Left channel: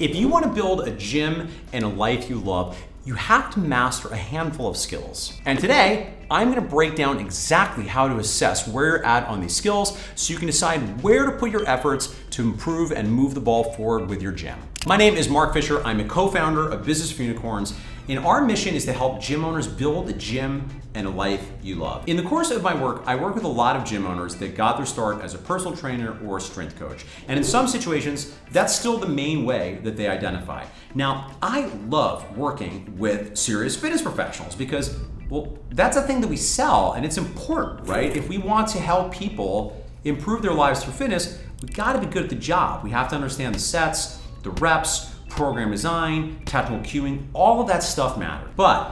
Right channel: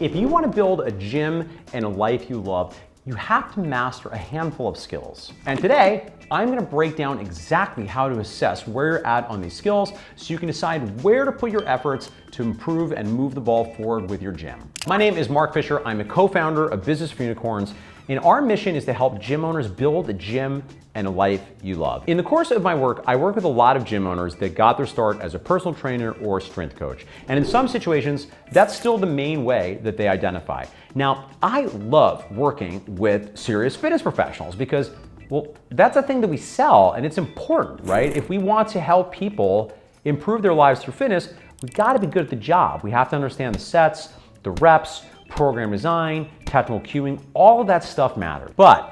If you want to build a gym and a life you love, you have to master a handful of skills. And today, I'm going to break down exactly how to assess where you're at on these skills so you can decide where to put your efforts to improve and move the ball forward with your gym. My name is Mark Fisher. I'm a co-founder of Business for Unicorns, and our mission is to help gym owners build a gym and a life you love. In the course of my work, I work with a lot of gym owners that got their start as a personal trainer or a strength coach. And in some situations, that's still the main way that they identify. Now, I love working with serious fitness professionals because, well, that's a thing that we sell and it's important, right? If we want to help people improve their lives through fitness, we gotta be good at the job. We have to understand the sets, the reps, program design, technical cueing, all of that stuff matters. But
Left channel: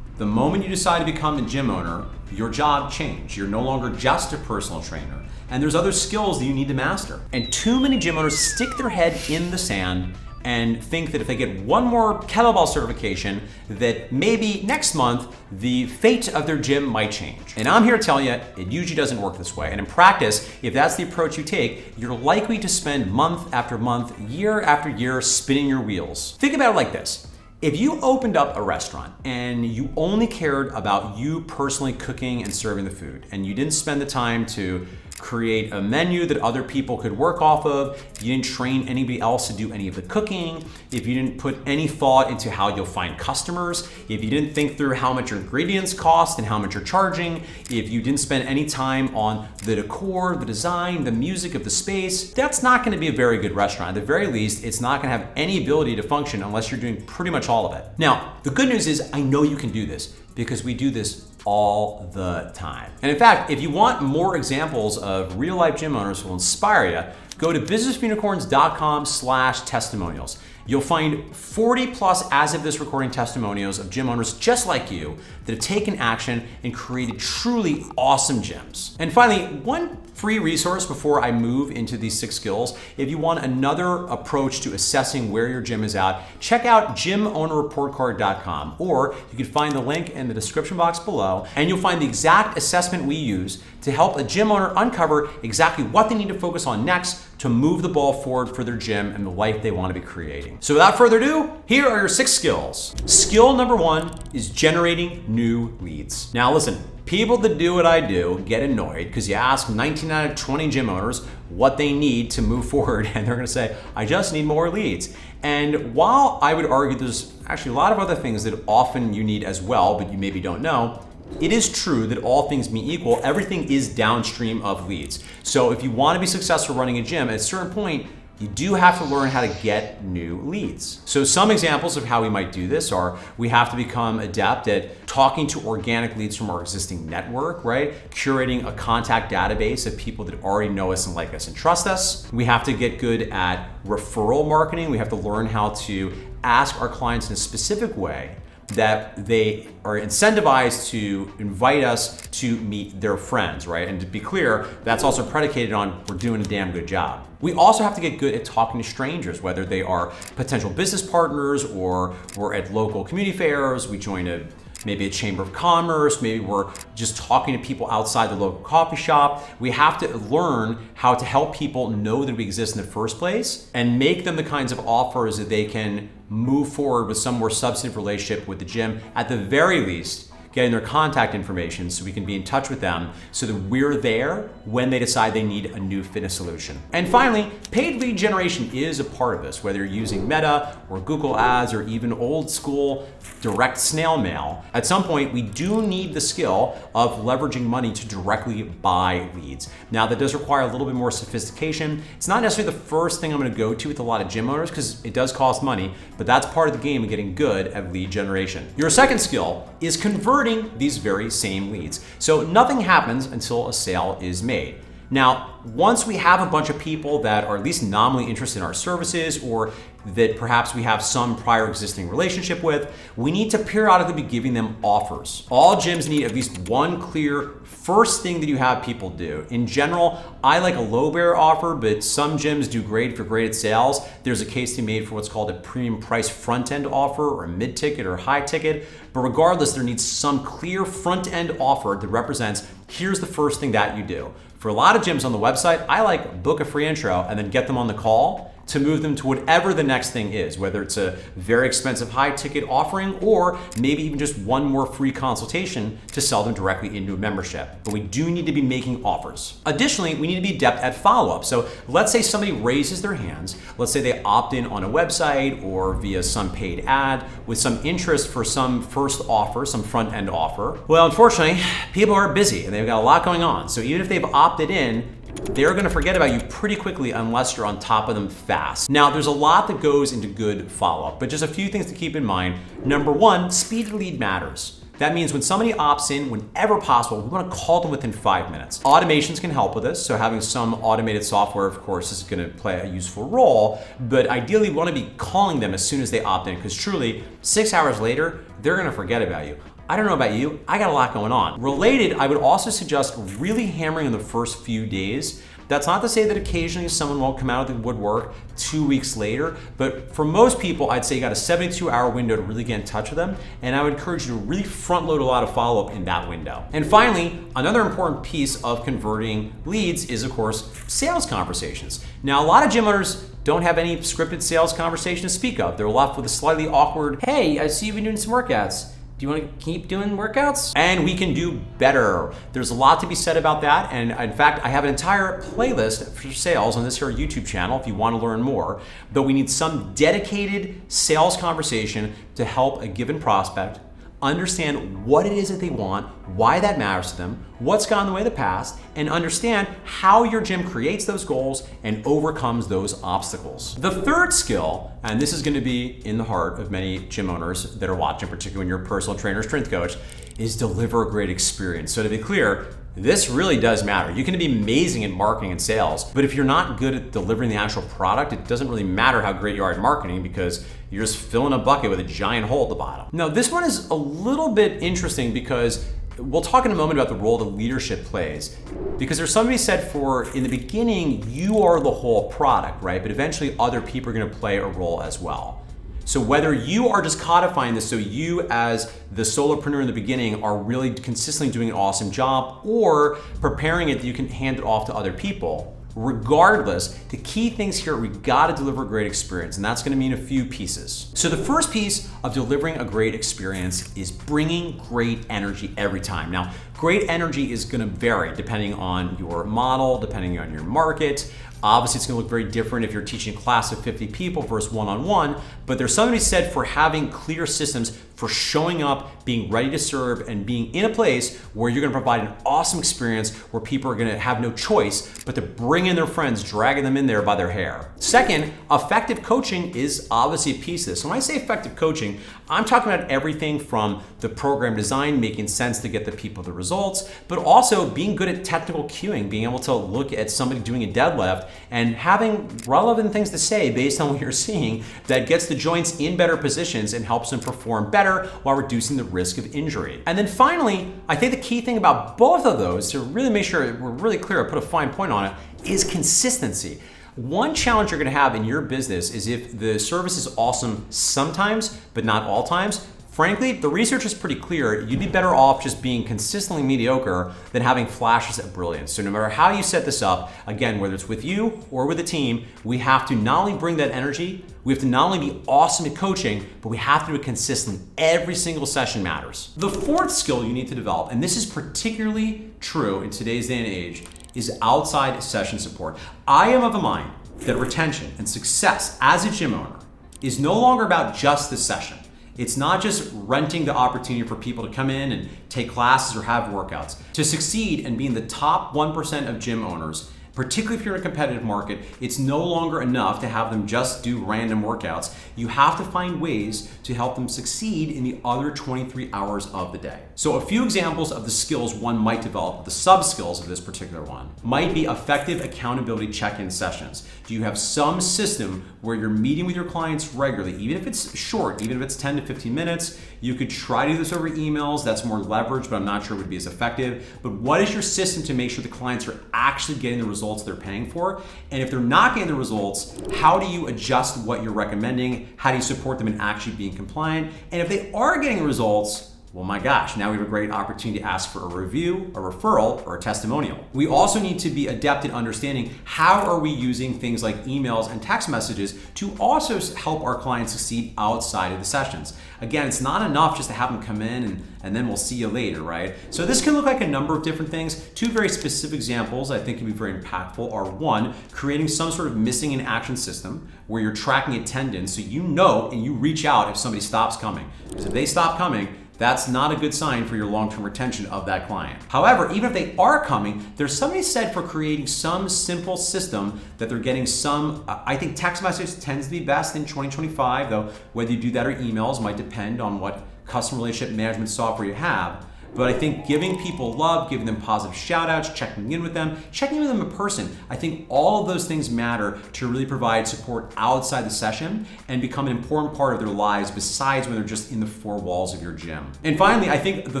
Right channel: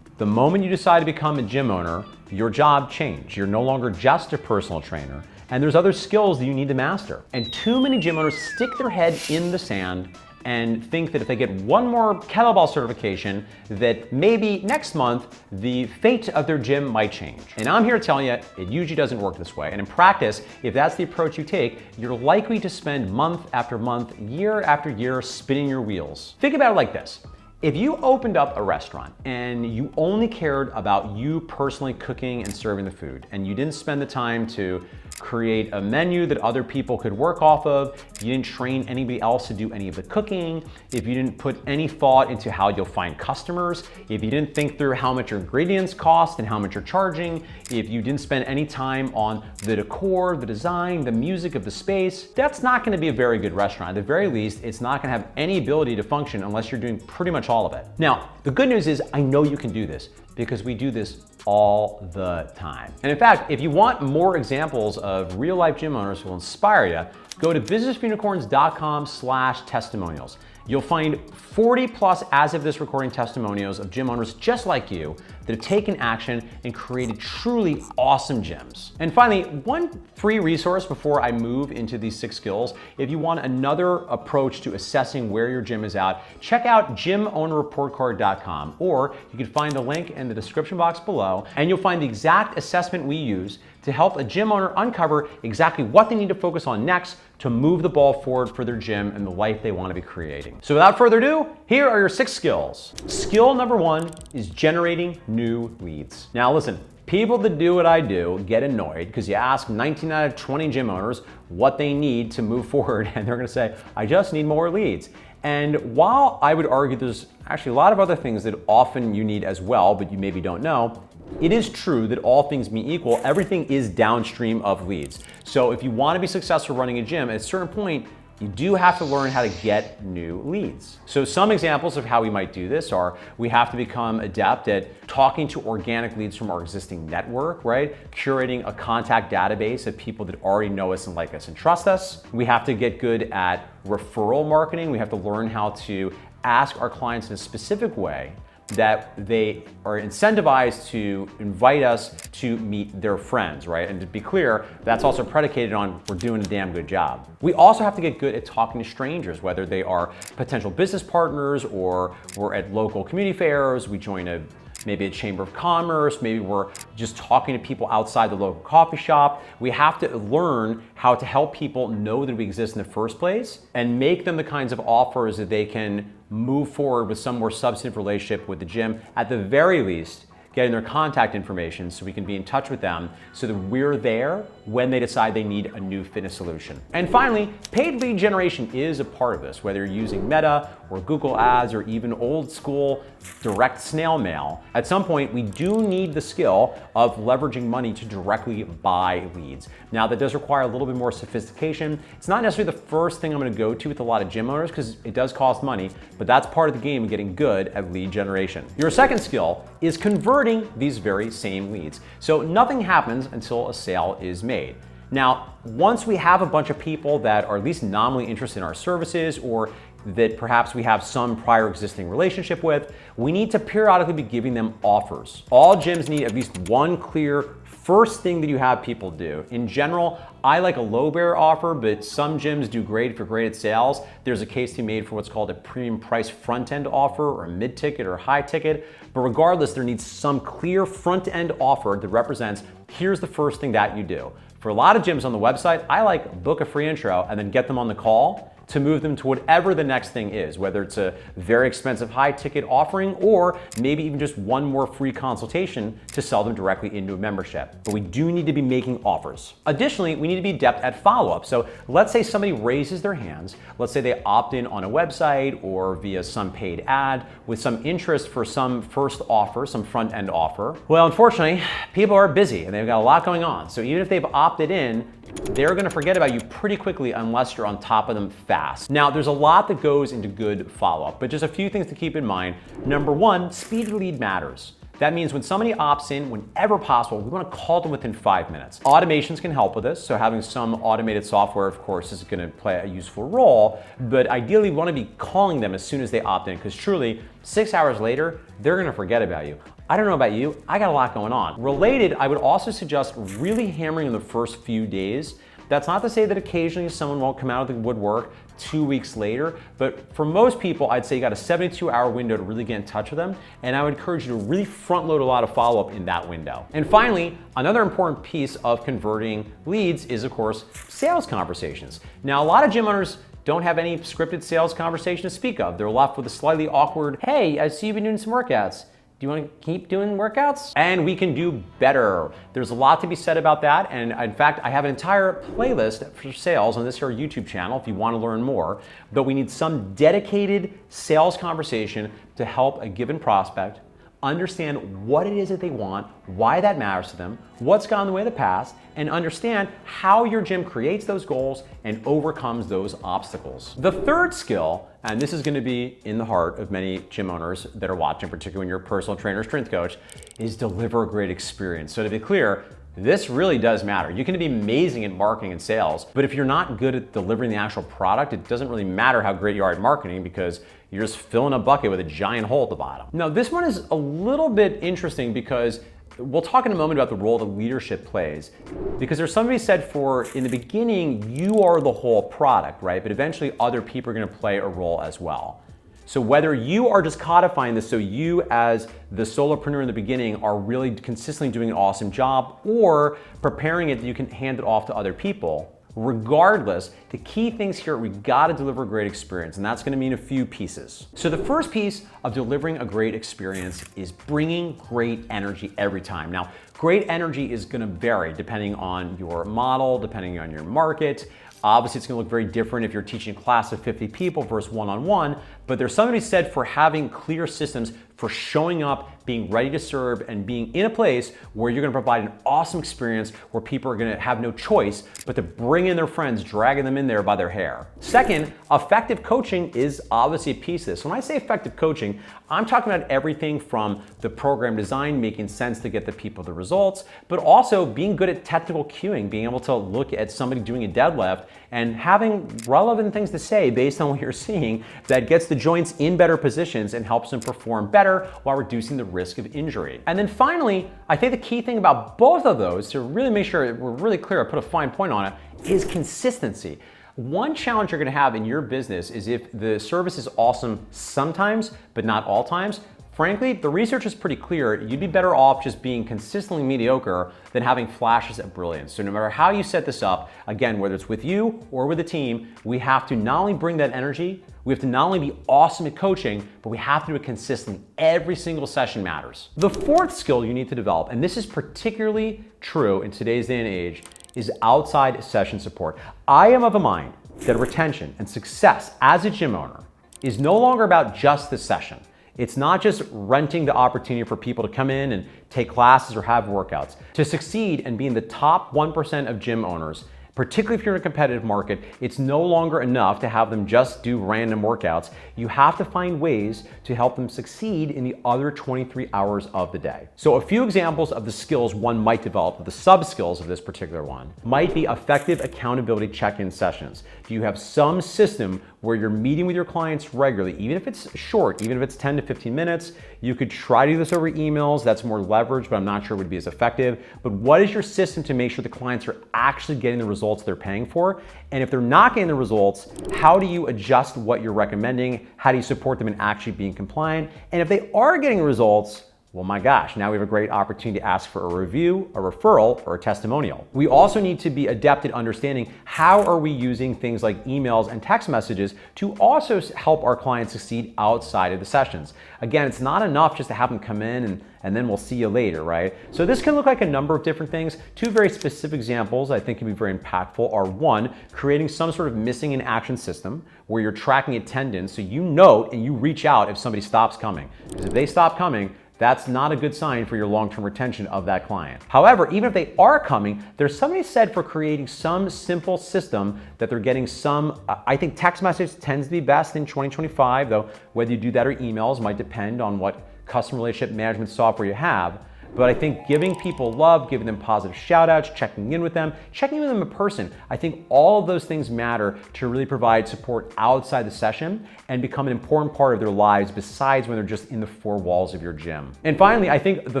the moment you decide to become a gym owner, your job changed. You're no longer just a personal trainer, and there's other skills that you need to master. And too many gym owners stick their head in the sand and think that if they get one more kettlebell certification, that maybe next month the fate of their gym might change. And I'm here to tell you, it usually doesn't work this way. And in practice, if that's the approach you take, you're likely to spend month after month, year after year spinning your wheels. Think about it like this. If you opened up a restaurant and you only cared about you personally cooking and serving the food, and you didn't spend the time to create a menu that other people could work off of, you didn't train anybody else to do any of the cooking, if you didn't put any thought into how you'll find customers, if you didn't think through how much your ingredients cost and how much you're charging, if you didn't spend any time on the decor, the design, the music of the space, that's not gonna be a very good restaurant. At the very least, it's not gonna have any ability to function unless you're doing pretty much all of it. Now, the good news is I know you can do this because we do this all the time. And in fact, if you want more examples of real life gym owners who will inspire you, go to businessforunicorns.com/testimonials. You'll find 40 plus as of this recording testimonials of gym owners just like you that have taken action and created truly awesome gyms. And finally, one free resource before I move into these 6 skills. If you want another approach to assessing where your gym is at, check out gymownerreportcard.com, or you can find the link in the description box below, and you'll find the exact assessment we use to help a gym owner uncover exactly what they need to focus on next to move the ball forward for their gym and the life they want to be creating. So without further ado, here are your 6 skills. Skill number 1 is generating new leads. Now listen, people that do what I do get annoyed because you ask 19 out of 20 gym owners what they need to move forward, and they're gonna say, I just need more leads. And while I would argue there's actually a lot of other things that often you need as well, but you maybe don't know, it is true that all things being equal, everything is downstream of leads. So if you want to be successful running a gym, at a certain point, you do have to learn how to get new leads. So some examples of how we might do this are, we have to become adept at talking to organic leads from our existing network, right? Curating a contact database of people that already know us and like us and trust us. We have to get good at referral marketing. We have to learn how to ask our clients in a specific way that they are incentivized to invite us to meet their friends, right? And to be clear, that's also predicated on we're doing a damn good job. We also have to get good at talking to strangers, whether they are potential business partners or we're at local community fairs, we join maybe a chamber of commerce, maybe we're just talking to people outside the local coffee shop. We have to learn how to help people know that we exist in the first place and make them the kinds of offers that they can move forward with some more substantive relationship with the gym. At the very least, getting their contact information so we can be in touch with them so that we're there when they decide they need a new fitness solution. And finally, paid lead generation is a part of this, whether you're using Meta or Google Ads or even old school direct snail mail. At some point, we do need the skill of leveraging money to directly buy leads. Now, that does require a little bit more sophistication. It's not necessarily the first thing I'm gonna go to with a lot of gym owners because it does cost money, but that's part of the game of getting good at lead generation. Your second skill is converting these very same leads. So nothing happens until a sale is made. Now, once we have a bunch of people that are at least nominally interested in our services or that perhaps we have some prior existing relationship with, we need to periodically be giving them offers. All gyms need at least one clear first thing that you have people do. In general, I like a low barrier offer, but some gyms do great for graded sales. There's a case to be made for what's called a premium price front end offer or a mid ticket or high ticket. But regardless, there needs some clear front end offer that represents, here's the first thing that you do. For a lot of gyms on the website, I like book a free intro and then get them on the call to move them to whatever the next thing is, whether it's a very expensive high ticket offering or maybe even just one more free consultation to sell them directly into a membership. But we do need to be making offers. Additionally, we need to be adept at follow-up. So let's say somebody raises their hands. Let's say they opt in on a website or via some paid ad with some interest for some first offer, some front end offer. Well, unfortunately, people are busy and they've got a lot going on. So even if they've opted in, they're gonna forget about you pretty quickly unless you're on top of them fast. Now, there's a lot that goes into good follow-up, but just a few things to keep in mind. Number one, speed to lead matters. That means when somebody opts in, whenever possible, we want to call them within 5 minutes. Automations can help with this, so having some automated software, of course, is going to play a useful role, but ideally we want to be calling them as soon as they opt in, because truly, 6 hours later, they're going to forget about you. I don't know about you, I got a lot going on. Related, I would also suggest really hammering in the first few days. That's not to say that occasionally someone won't come out of the woodwork 2 weeks later, but for most people, I'd say you got a 72-hour window to really get in touch with them, and I would encourage you to really front load a lot of follow-up in that window. And finally, another important piece of converting leads is, of course, sales conversations. Now, a lot of gym owners don't have any scripted sales conversation to speak of. They're left with a slightly awkward, "Hey, I see you've been doing some workouts. Do you want to keep doing workouts?" And we can do better. There's a lot to be said about that. And in fact, I have an entire playlist for sales on this here YouTube channel if you want to learn more. But we need some dedicated sales conversation to help a given prospect understand what it is that they want, why that matters to them, what's gone the way of the past, and understand how your gym creates those goals and overcomes those obstacles. The third skill, and this is going to be in the heart of many gym owners that are watching, particularly when you're a personal trainer or strength coach, is deliver a great experience. So to be clear, this really does matter. You can be amazing at marketing and sales, but if you're not good at delivering the actual product, it doesn't really matter how great you are at marketing because you're just filling a bucket with a giant hole at the bottom. Now, this one is a little bit interesting because we'll talk in a moment about the role that leadership plays. Because there's somebody said for, in the beginning, you are the whole product, right? But eventually other people are gonna play a role as well. So whether you are just codifying this so you as the solopreneur in the beginning are really consistently doing an awesome job or preparing it that you can hand it off to other people, regardless, the key things here, we've got to deliver a great experience, and that's going to mean a few pieces. So the first piece of delivering a great experience is bringing great energy every time. Now, great energy is going to vary depending on your model, depending on your market. Obviously, it's going to look very different if you're teaching a class of 50 people versus one-on-one, but there's something to be said for having clear systems for showing up, being ready to serve, and being in a place where you're going to provide an awesome experience where people are going to have no choice but to bring in their friends, dragging them in there by their hair. Second, effective coaching is obviously a piece of this. When I say effective coaching, I'm talking about everything from the program design, making sense to get the people the results, but also being good at technical cueing, being able to look at somebody doing a deadlift and having relevant things to say based on what you're seeing that gets the joints in better positions and helps them perform better while reducing the risk of injury. And then finally, I think the key thing about both of those, to really make sure we're really clear, put a fine point on it, is consistency. One challenge you're gonna have in your business is if the service is awesome sometimes, but not all times. Frankly, the research is pretty clear. You'd be better off just being consistently mediocre than having flashes of brilliance. So no matter how you set this up, again, whether it's with you or with a team, we have to not only bring that energy, we have to not only be awesome at coaching, but we have to do it consistent. Every single session matters. The fourth skill you need to develop, and this is particularly true in today's day and age, is outside session support. I am of a mind that retention and success as a gym owner is no longer about just the session. It's not just renting the opportunity for people to come in and take classes or have workouts. To succeed and be in the top 1% of gym owners, particularly if you're in a competitive market, it's no longer enough to have them just do random workouts. You have to find ways to help them succeed in the other 23 hours of the day. So a few examples of the skills one might develop, the sub-skills of this particular one, might be effective accountability check-in sessions. Do you have some system where you're meeting with your clients regularly, even if it's short, even if it's 10 to 15 minutes? You could try to do this over emails. That's more leverage, but I'm not sure it would be as effective. But what is your system to make sure the clients are actually getting the results they're paying for? And if they're not getting the results, how do you adjust what you're recommending? How do you support them in actually being compliant? And if they are getting results, Well, my gosh, now we have a great opportunity to ask for a review, a referral, or a testimonial. We also need to be adept at understanding how are we using things like emails and text messages to also help our clients succeed outside of the sessions. Again, it's not enough just to have them come in and then we'll see you later, right? So this can look like a number of different things. Two very specific examples I think can be very impactful are one, creating some sort of missing in action system where you're tracking attendance so you know and you reach out if somebody stops coming. Because if they stop coming, that's not a good sign for your long-term retention of that client. However, even if they are coming, there's something said for creating some simple system that they're getting some, I think text message tends to be best in 2025, though whether you do that or emails might depend on what customer relationship management software you have. But I think giving people love, giving them positive shout outs, checking in with them in person, I think all of those things matter to really provide support outside the session and become an important part of their lives besides when they're just in the four walls of your gym. And finally, I think the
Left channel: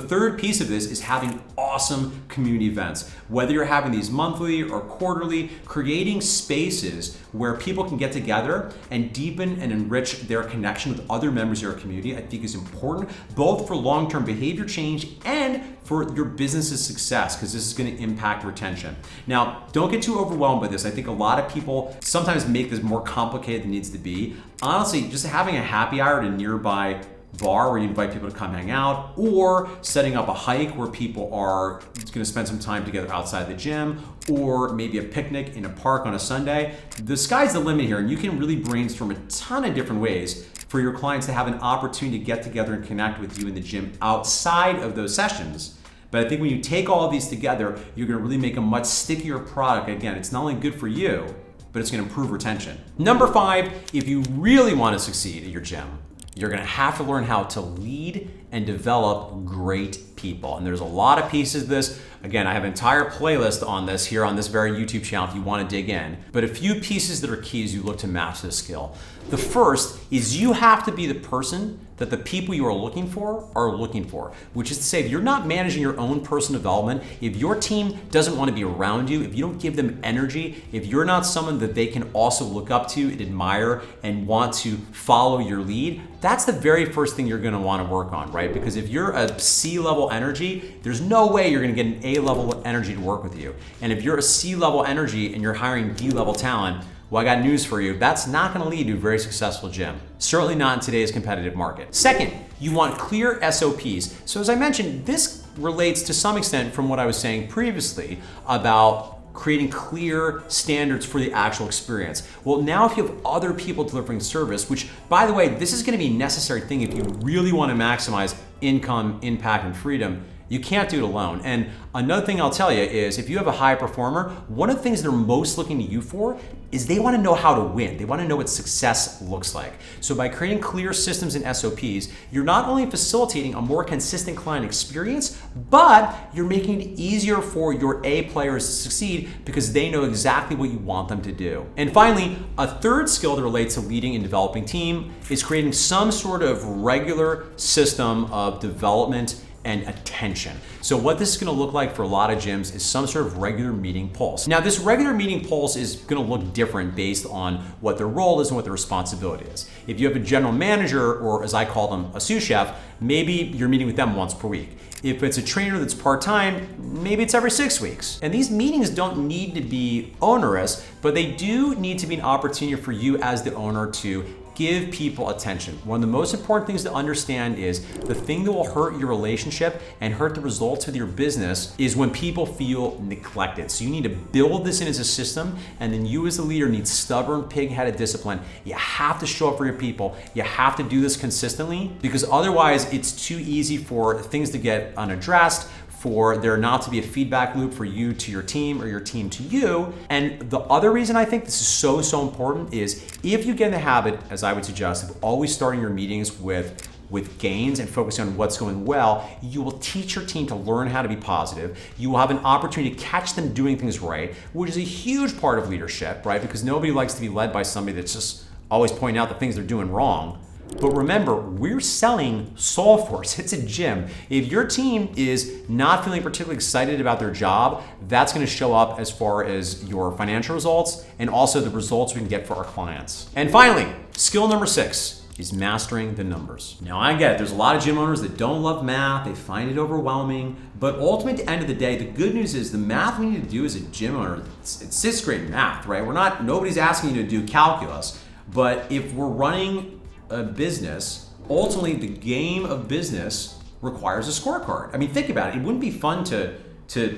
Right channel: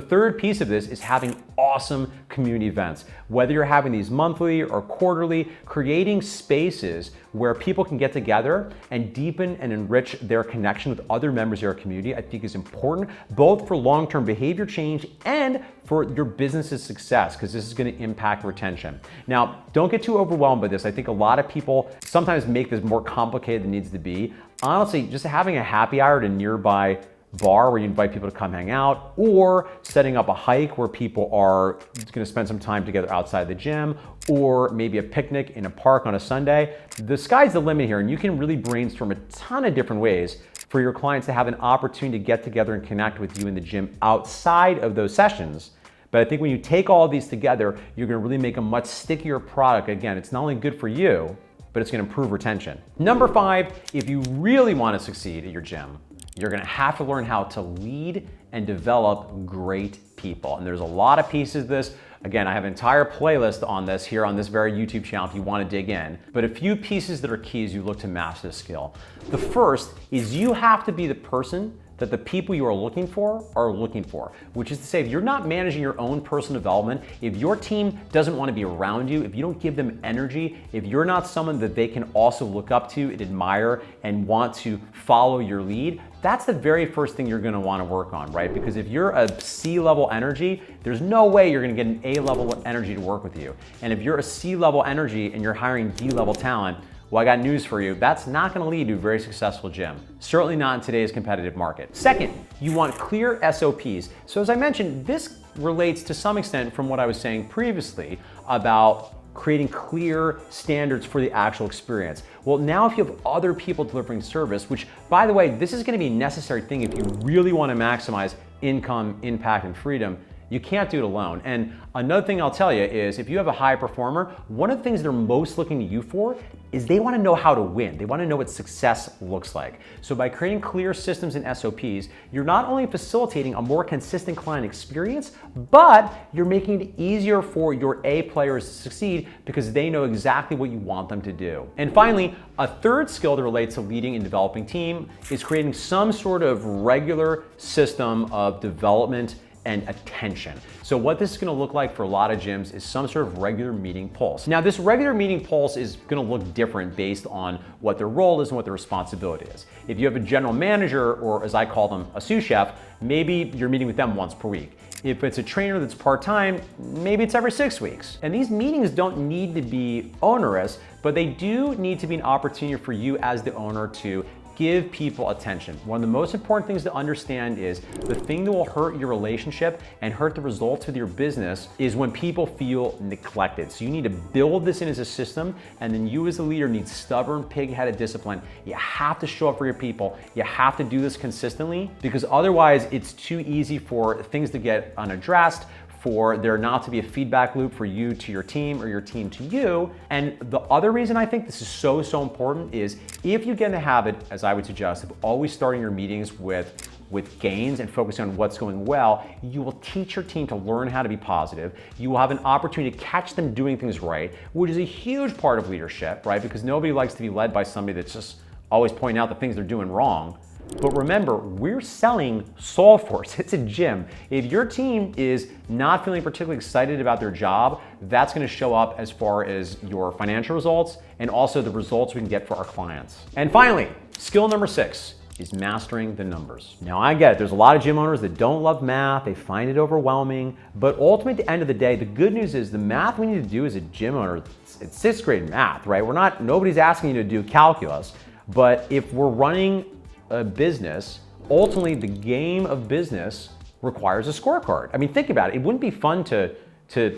third piece of this is having awesome community events. Whether you're having these monthly or quarterly, creating spaces where people can get together and deepen and enrich their connection with other members of your community, I think is important, both for long-term behavior change and for your business's success, because this is going to impact retention. Now, don't get too overwhelmed by this. I think a lot of people sometimes make this more complicated than it needs to be. Honestly, just having a happy hour at a nearby bar where you invite people to come hang out, or setting up a hike where people are going to spend some time together outside the gym, or maybe a picnic in a park on a Sunday. The sky's the limit here, and you can really brainstorm a ton of different ways for your clients to have an opportunity to get together and connect with you in the gym outside of those sessions. But I think when you take all these together, you're going to really make a much stickier product. Again, it's not only good for you, but it's going to improve retention. Number 5, if you really want to succeed at your gym, you're gonna have to learn how to lead and develop great people. And there's a lot of pieces to this. Again, I have an entire playlist on this here on this very YouTube channel if you wanna dig in. But a few pieces that are key as you look to master this skill. The first is you have to be the person that the people you are looking for, which is to say, if you're not managing your own personal development, if your team doesn't want to be around you, if you don't give them energy, if you're not someone that they can also look up to and admire and want to follow your lead, that's the very first thing you're going to want to work on, right? Because if you're a C-level energy, there's no way you're going to get an A-level energy to work with you. And if you're a C-level energy and you're hiring B-level talent, well, I got news for you. That's not going to lead to a very successful gym. Certainly not in today's competitive market. Second, you want clear SOPs. So as I mentioned, this relates to some extent from what I was saying previously about creating clear standards for the actual experience. Well, now if you have other people delivering service, which by the way, this is going to be a necessary thing if you really want to maximize income, impact, and freedom, you can't do it alone. And another thing I'll tell you is if you have a high performer, one of the things they're most looking to you for is they want to know how to win. They want to know what success looks like. So by creating clear systems and SOPs, you're not only facilitating a more consistent client experience, but you're making it easier for your A players to succeed because they know exactly what you want them to do. And finally, a third skill that relates to leading and developing team is creating some sort of regular system of development and attention. So what this is gonna look like for a lot of gyms is some sort of regular meeting pulse. Now this regular meeting pulse is gonna look different based on what their role is and what their responsibility is. If you have a general manager, or as I call them, a sous chef, maybe you're meeting with them once per week. If it's a trainer that's part-time, maybe it's every 6 weeks. And these meetings don't need to be onerous, but they do need to be an opportunity for you as the owner to give people attention. One of the most important things to understand is the thing that will hurt your relationship and hurt the results with your business is when people feel neglected. So you need to build this in as a system, and then you as the leader need stubborn, pig-headed discipline. You have to show up for your people. You have to do this consistently because otherwise it's too easy for things to get unaddressed, for there not to be a feedback loop for you to your team or your team to you. And the other reason I think this is so important is if you get in the habit, as I would suggest, of always starting your meetings with gains and focusing on what's going well, you will teach your team to learn how to be positive. You will have an opportunity to catch them doing things right, which is a huge part of leadership, right? Because nobody likes to be led by somebody that's just always pointing out the things they're doing wrong. But remember, we're selling Solveforce. It's a gym. If your team is not feeling particularly excited about their job, that's going to show up as far as your financial results and also the results we can get for our clients. And finally, skill number 6. is mastering the numbers. Now I get it, there's a lot of gym owners that don't love math, they find it overwhelming, but ultimately at the end of the day, the good news is the math we need to do as a gym owner, it's 6th grade math, right? Nobody's asking you to do calculus, but if we're running a business, ultimately the game of business requires a scorecard. I mean, think about it, it wouldn't be fun to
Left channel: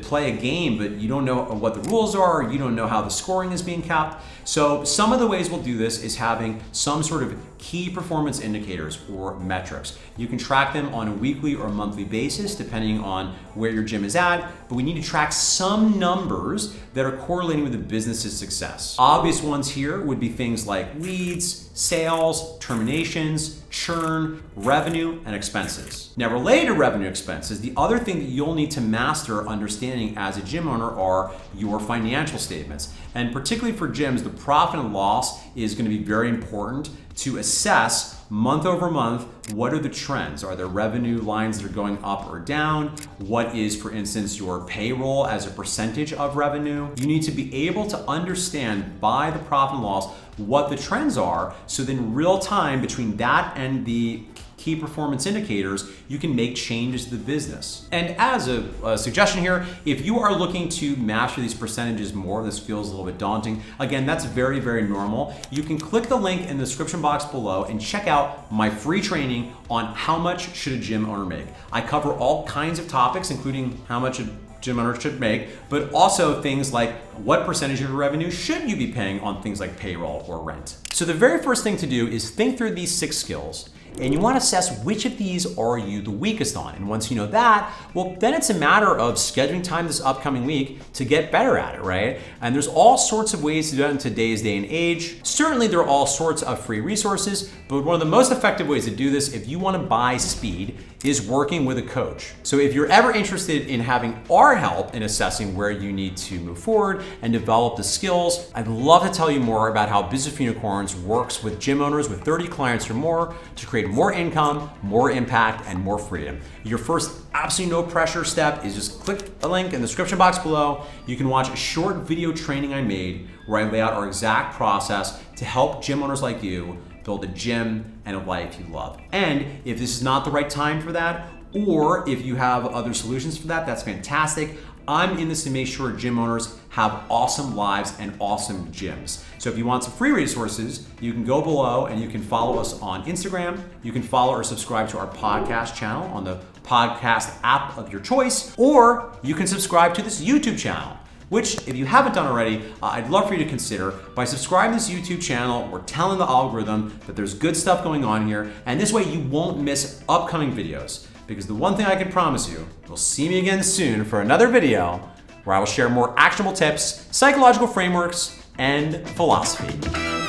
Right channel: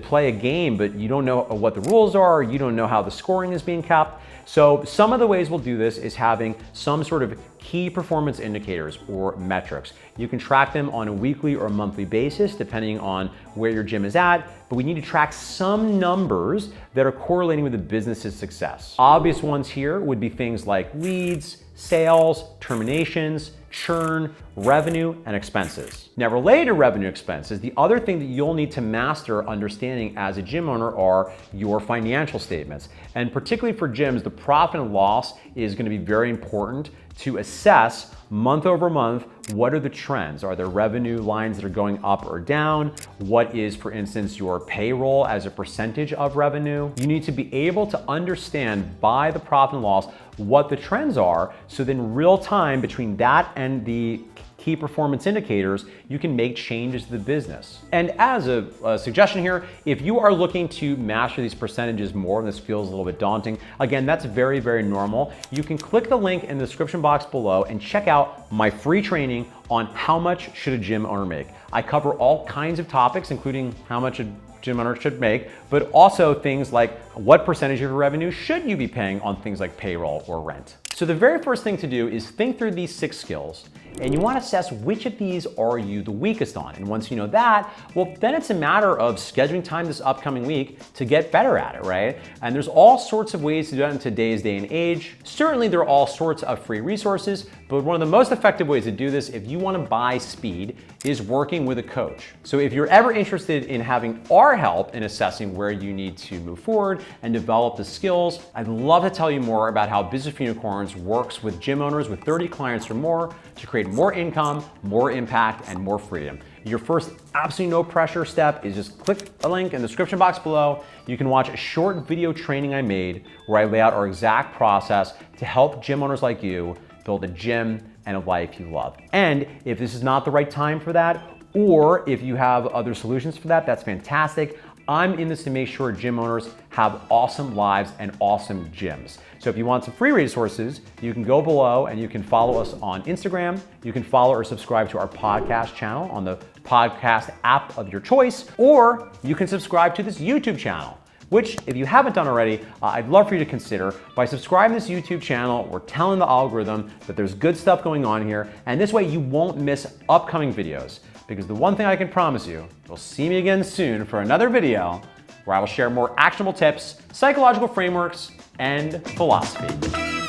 play a game, but you don't know what the rules are, you don't know how the scoring is being kept. So some of the ways we'll do this is having some sort of key performance indicators or metrics. You can track them on a weekly or a monthly basis, depending on where your gym is at, but we need to track some numbers that are correlating with the business's success. Obvious ones here would be things like leads, sales, terminations, churn, revenue, and expenses. Now, related to revenue expenses, the other thing that you'll need to master understanding as a gym owner are your financial statements. And particularly for gyms, the profit and loss is going to be very important to assess month over month, what are the trends? Are there revenue lines that are going up or down? What is, for instance, your payroll as a percentage of revenue? You need to be able to understand by the profit and loss what the trends are, so then real time between that and the key performance indicators, you can make changes to the business. And as a suggestion here, if you are looking to master these percentages more, this feels a little bit daunting, again, that's very, very normal. You can click the link in the description box below and check out my free training on how much should a gym owner make. I cover all kinds of topics, including how much a gym owner should make, but also things like what percentage of your revenue should you be paying on things like payroll or rent. So the very first thing to do is think through these 6 skills, and you want to assess which of these are you the weakest on. And once you know that, well, then it's a matter of scheduling time this upcoming week to get better at it, right? And there's all sorts of ways to do that in today's day and age. Certainly there are all sorts of free resources, but one of the most effective ways to do this, if you want to buy speed, is working with a coach. So if you're ever interested in having our help in assessing where you need to move forward and develop the skills, I'd love to tell you more about how Business for Unicorns works with gym owners with 30 clients or more to create more income, more impact, and more freedom. Your first absolutely no pressure step is just click the link in the description box below. You can watch a short video training I made where I lay out our exact process to help gym owners like you build a gym and a life you love. And if this is not the right time for that, or if you have other solutions for that, that's fantastic. I'm in this to make sure gym owners have awesome lives and awesome gyms. So if you want some free resources, you can go below and you can follow us on Instagram. You can follow or subscribe to our podcast channel on the podcast app of your choice, or you can subscribe to this YouTube channel, which, if you haven't done already, I'd love for you to consider. By subscribing to this YouTube channel, we're telling the algorithm that there's good stuff going on here, and this way you won't miss upcoming videos. Because the one thing I can promise you, you'll see me again soon for another video where I will share more actionable tips, psychological frameworks, and philosophy.